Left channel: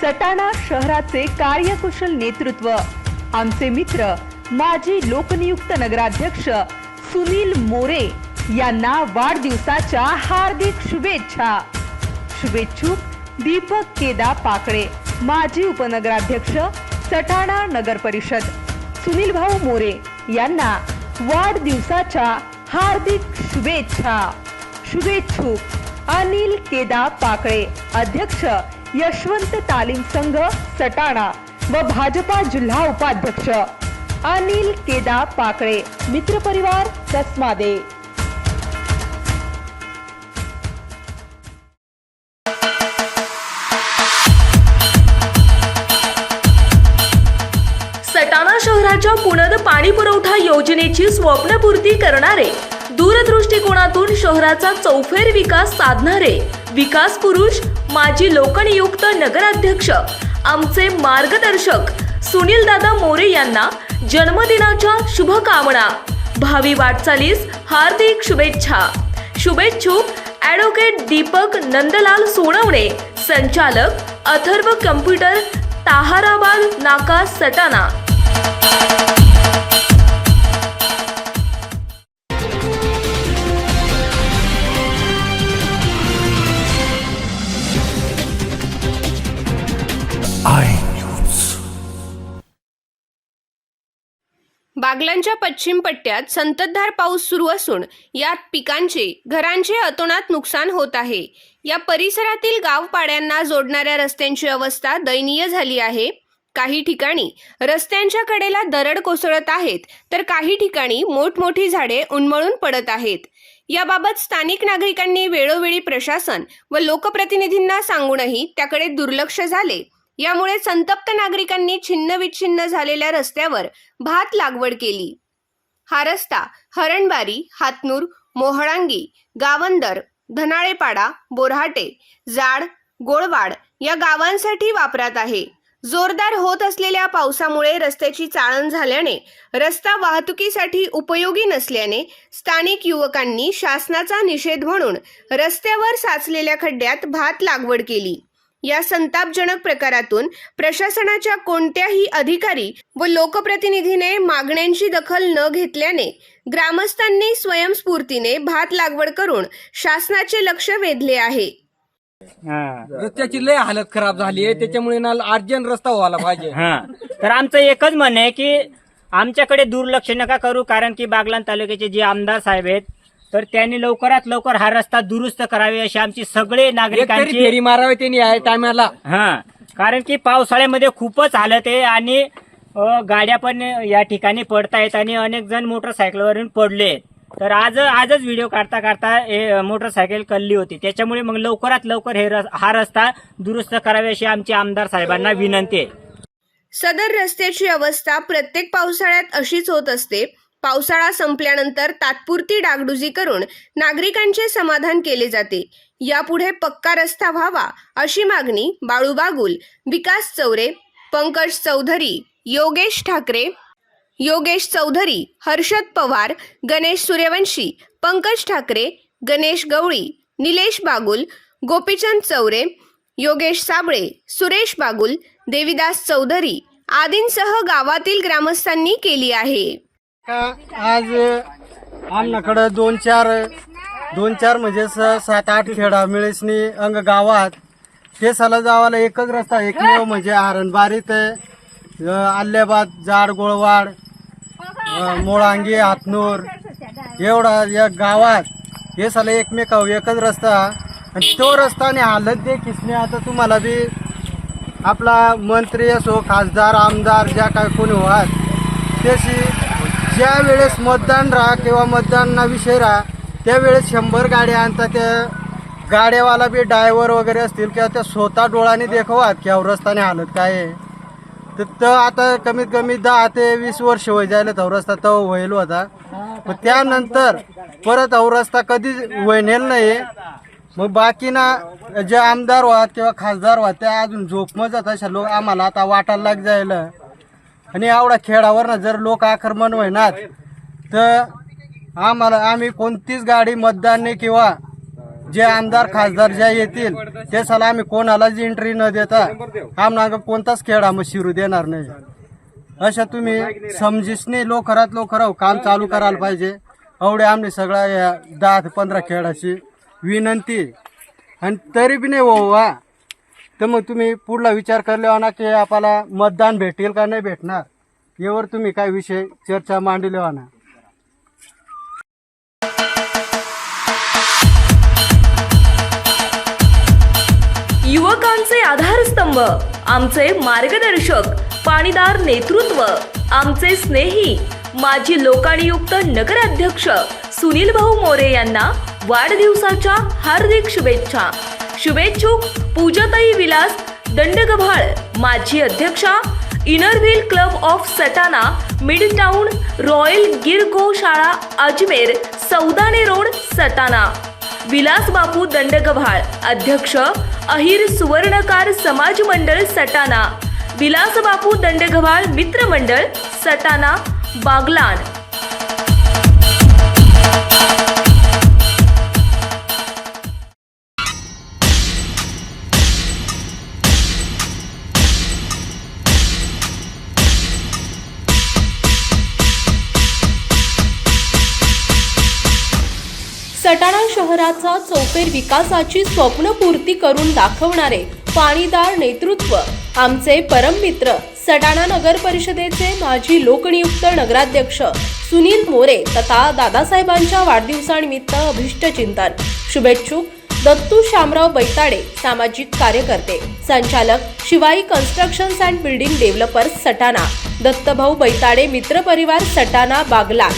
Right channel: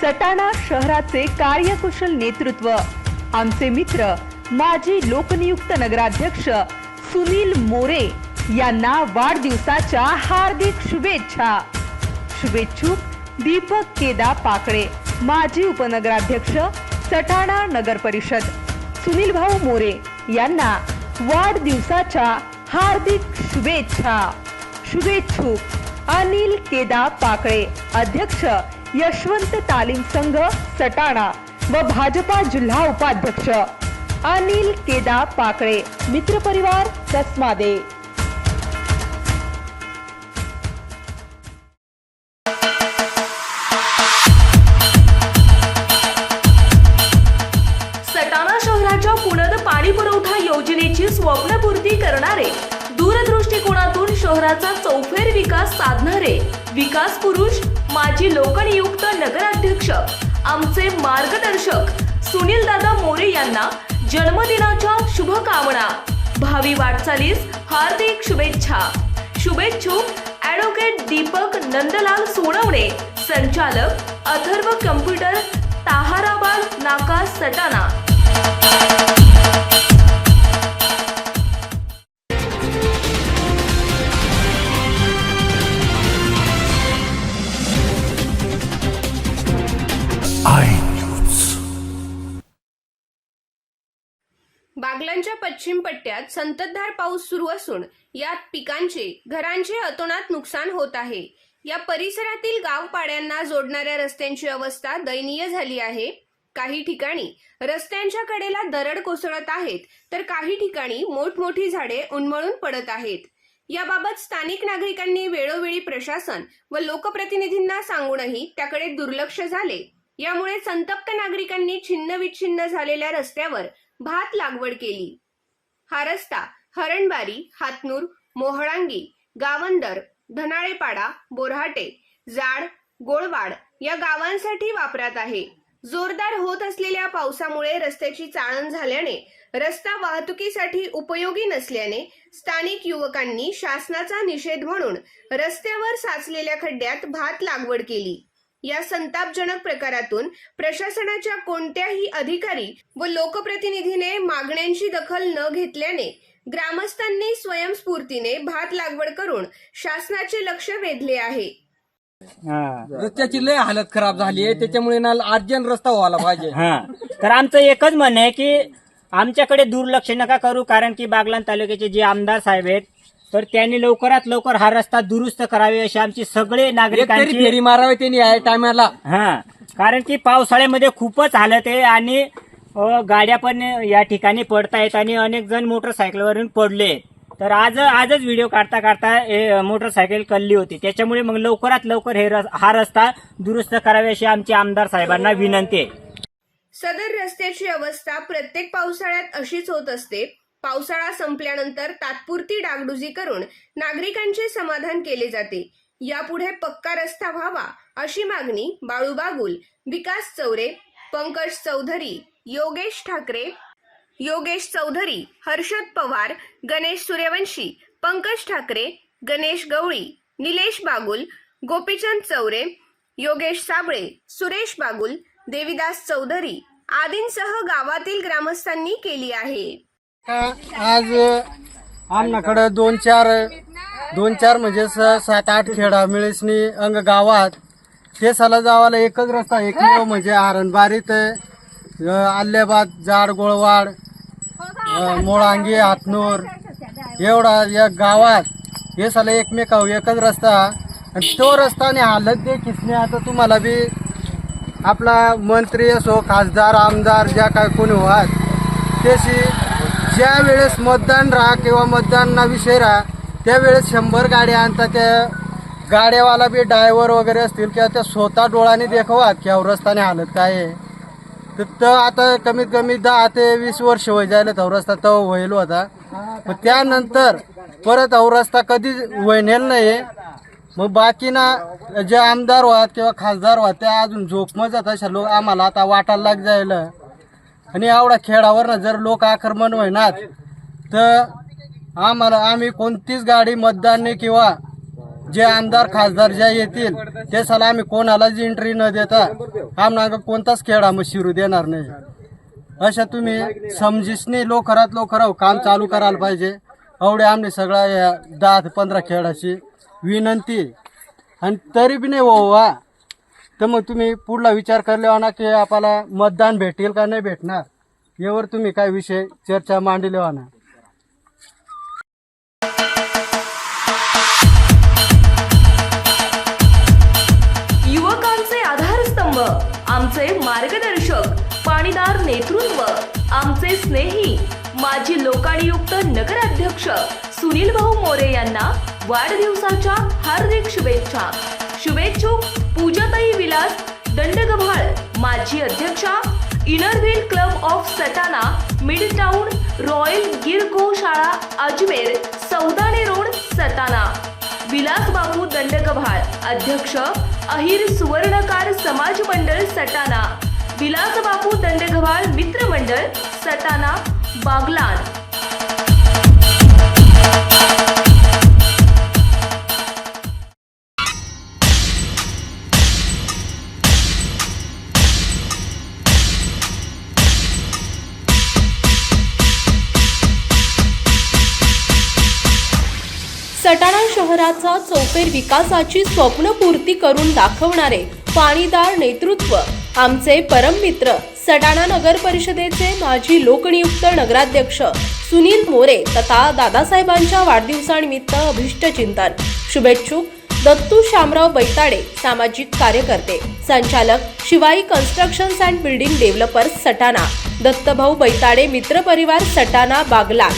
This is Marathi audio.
सटाणा शहराचे कार्यकुशल नेतृत्व. आमचे मित्र माजी लोकनियुक्त नगराध्यक्ष सुनील मोरे यांना वाढदिवसाच्या हार्दिक शुभेच्छा. शुभेच्छुक दीपक केदा पाकळे माजी उपनगराध्यक्ष सटाणा नगर परिषद. सुनील भाऊ मोरे यांना वाढदिवसाच्या हार्दिक शुभेच्छा. शुभेच्छुक अनिल केदा पाकळे अध्यक्ष यशवंत तालीम संघ सटाणा व भाजपा जिल्हा उपाध्यक्ष. अनिल केदा पाकळे मित्रपरिवार कसमादे सटाणा शहराच्या पुनद पाणी पुरवठा योजनेची स्वप्नपूर्ती करणारे दूरदृष्टिकोनातून शहराचा चौफेर विकास साधणारे विकास पुरुष माजी लोकनियुक्त नगराध्यक्ष आमचे मार्गदर्शक सुनील दादा मोरे यांना जन्मदिनाच्या शुभकामना. भावी वाटचालीस हार्दिक शुभेच्छा. शुभेच्छुक ॲडव्होकेट दीपक नंदलाल सोनवणे संचालक अथर्व कम्प्युटर ताहाराबाद नाका सटाणा. बागलांच्या पश्चिम पट्ट्यात संततधार पाऊस सुरू असून यात पिकांचे घरांचे अतोनात नुकसान होत आहे. या परिसरातील गावपाड्यांना जोडणाऱ्या रस्त्यांची अवस्था दयनीय झाली आहे. काही ठिकाणी रस्त्यांच्या कडेला दरड कोसळत आहेत तर काही ठिकाणी मोठमोठी झाडे उन्मळून पडत आहेत. याबाबत स्थानिक नागरिकांनी वेळोवेळी प्रशासन व लोकप्रतिनिधींना सांगूनही त्याकडे दुर्लक्ष झाले. यामुळे संतप्त नागरिकांनी छिन्नविच्छिन्न झालेल्या रस्त्यावर भात लागवड केली. हा रस्ता हरणबारी हातनूर मोहळांगी गावंदर धनाळेपाडा बोरहाटे जाड गोळवाड या गावांसाठी वापरात आहे. जोरदार होत असलेल्या पावसामुळे रस्त्याची चाळण झाल्याने रस्ता वाहतुकीसाठी उपयोगी नसल्याने स्थानिक युवकांनी शासनाचा निषेध म्हणून रस्त्यावर साचलेल्या खड्ड्यात भात लागवड केली. या संतापजनक प्रकारातून प्रशासनाच्या कोणत्याही अधिकारी व लोकप्रतिनिधीने मागण्यांची दखल न घेतल्याने ग्रामस्थांनी स्वयंस्फूर्तीने भात लागवड करून शासनाचे लक्ष वेधले आहे. हा. रस्त्याची लय हालत खराब झाली आहे त्याच्यामुळे ना अर्जंट रस्ता व्हायला पाहिजे. हा. तर आमचं एकच म्हणणं आहे की आमच्याकडे दुर्लक्ष नका करू कारण की बागलान तालुक्याचे जे आमदार साहेब आहेत तर त्यांनी लवकरात लवकर हा रस्ता दुरुस्त करावे अशी आमची सगळे नागरिकांची फेरी मारावी त्यांनी या टायमाला. हा कारण की पावसाळ्यामध्ये खूपच हालत आहे आणि अ, गाड्या पण या ठिकाणी पडतायत आणि अनेक जण मोटरसायकलवरून पडले तर आज आजच व्हिडिओ काढता काढता हे मोटरसायकल कल्ली होती. त्याच्यामुळे मग लवकरात लवकर हे रस- हा रस्ता दुरुस्त करावे अशी आमची आमदार साहेबांना विनंती आहे. सदर रस्त्याची अवस्था प्रत्येक पावसाळ्यात अशीच होत असते. पावसाळा संपल्यानंतर तात्पुरती डागडुजी करून नागरिकांचे समाधान केले जाते. यापुढे पक्का रस्ता व्हावा अशी मागणी बाळू बागुल विकास चौरे पंकज चौधरी योगेश ठाकरे योगेश चौधरी हर्षद पवार गणेश सूर्यवंशी पंकज ठाकरे गणेश गवळी निलेश बागुल गोपीचंद चौरे योगेश साबळे सुरेश बागुल देविदास चौधरी आदींसह गावातील ग्रामस्थांनी केली आहे. आज आमनाकडं दोन चार दोन चार म्हणजे स- सात आठ खेडा मिळेसनी अंग गावात. ते साला जावाला एकच रस्ता एकमेव म्हणजे आरणबारीत आल्याबाद जाड गोळवाड मोळांगी हातनूर एवढा या गावात हे साला एकमेकाव एकच रस्ता. आणि तो रस्ताने हालत दे किसने आता तुम्हाला बी आपला मंत्री असो खासदार आमदार ज्या काय कोणी व्हात त्याशी ज्या वेळेस मतदान राहा किंवा मतदानाविषयी राहा त्यावेळेस शंभर गाड्या आणतात त्या गाड्यावाला बी ड्रायव्हर वगैरे असतील किंवा त्या स्वतः डोळ्याने देखवात की अहो रस्ताने हालत काय आहे. तर त आता कमीत कमी दहा ते वीस वर्ष वय जायला तो रस्ता तो व्हायला होता. मग त्यानंतर परत अहो रस्ता कधी वळणेल नाही. मग बाकीना जे आमदार व्हात किंवा खासदार व्हात त्या अजून झोपमत जात अशा लोक आम्हाला आता वाटायला लाग जायला. आणि एवढा खेळावर जर लोक आक्रमण होईनात तर आम्हाला आम्ही कोणतीच गाडी मतदान नाही किंवा जे आमदार खासदार ज्या येतील ते सला आम्ही कोणालाच एंट्री न देता आम्हाला कोणताच खेळ आम्ही शिरू देणार नाही. अशा तुम्ही समजीसने लवकरात लवकर काम चालू करायला पाहिजे. एवढे आम्ही सगळ्या या दहा ते पंधरा खेळाची विनंती. आणि तरी बी नाही हो वा तर मग तुम्ही पुढला विचार करले ना की आपल्याला मतदान भेटेल का नाही भेटणार? यावर तुम्ही काय विषय चर्चा मांडले ना युवकांचे आधारस्तंभ आमचे मार्गदर्शक पाणीदार नेतृत्व आमचे स्नेही माजी लोकायुक्त नगराध्यक्ष सुनील भाऊ मोरे यांना वाढदिवसाच्या हार्दिक शुभेच्छा. शुभेच्छुक पूजाताई विलास दंडगव्हाळ माजी अध्यक्षा Inner Wheel club of Satana mid town royal गिर शाळा अजमेर सौदाने रोड सटाना विलास बापू दंडगव्हाळ अध्यक्ष अहिर सुवर्णकार समाज मंडळ सटाना विलास बापू दंडगव्हाळ मित्र मंडळ बागलान. शहराचा चौफेर विकासाची स्वप्नपूर्ती करून दाखवणारे पाणीदार नेतृत्व आमचे परममित्र सटाणा नगर परिषदेचे माजी लोकनियुक्त नगराध्यक्ष सुनील मोरे तथा दादासाहेबांच्या वाढदिवसानिमित्त अभिष्ट चिंतन शुभेच्छुक दत्तू शामराव बैताडे सामाजिक कार्यकर्ते. संचालक Shivai constructions and building developers Satana. Dattabhau Baitade मित्रपरिवार Satana Baglan.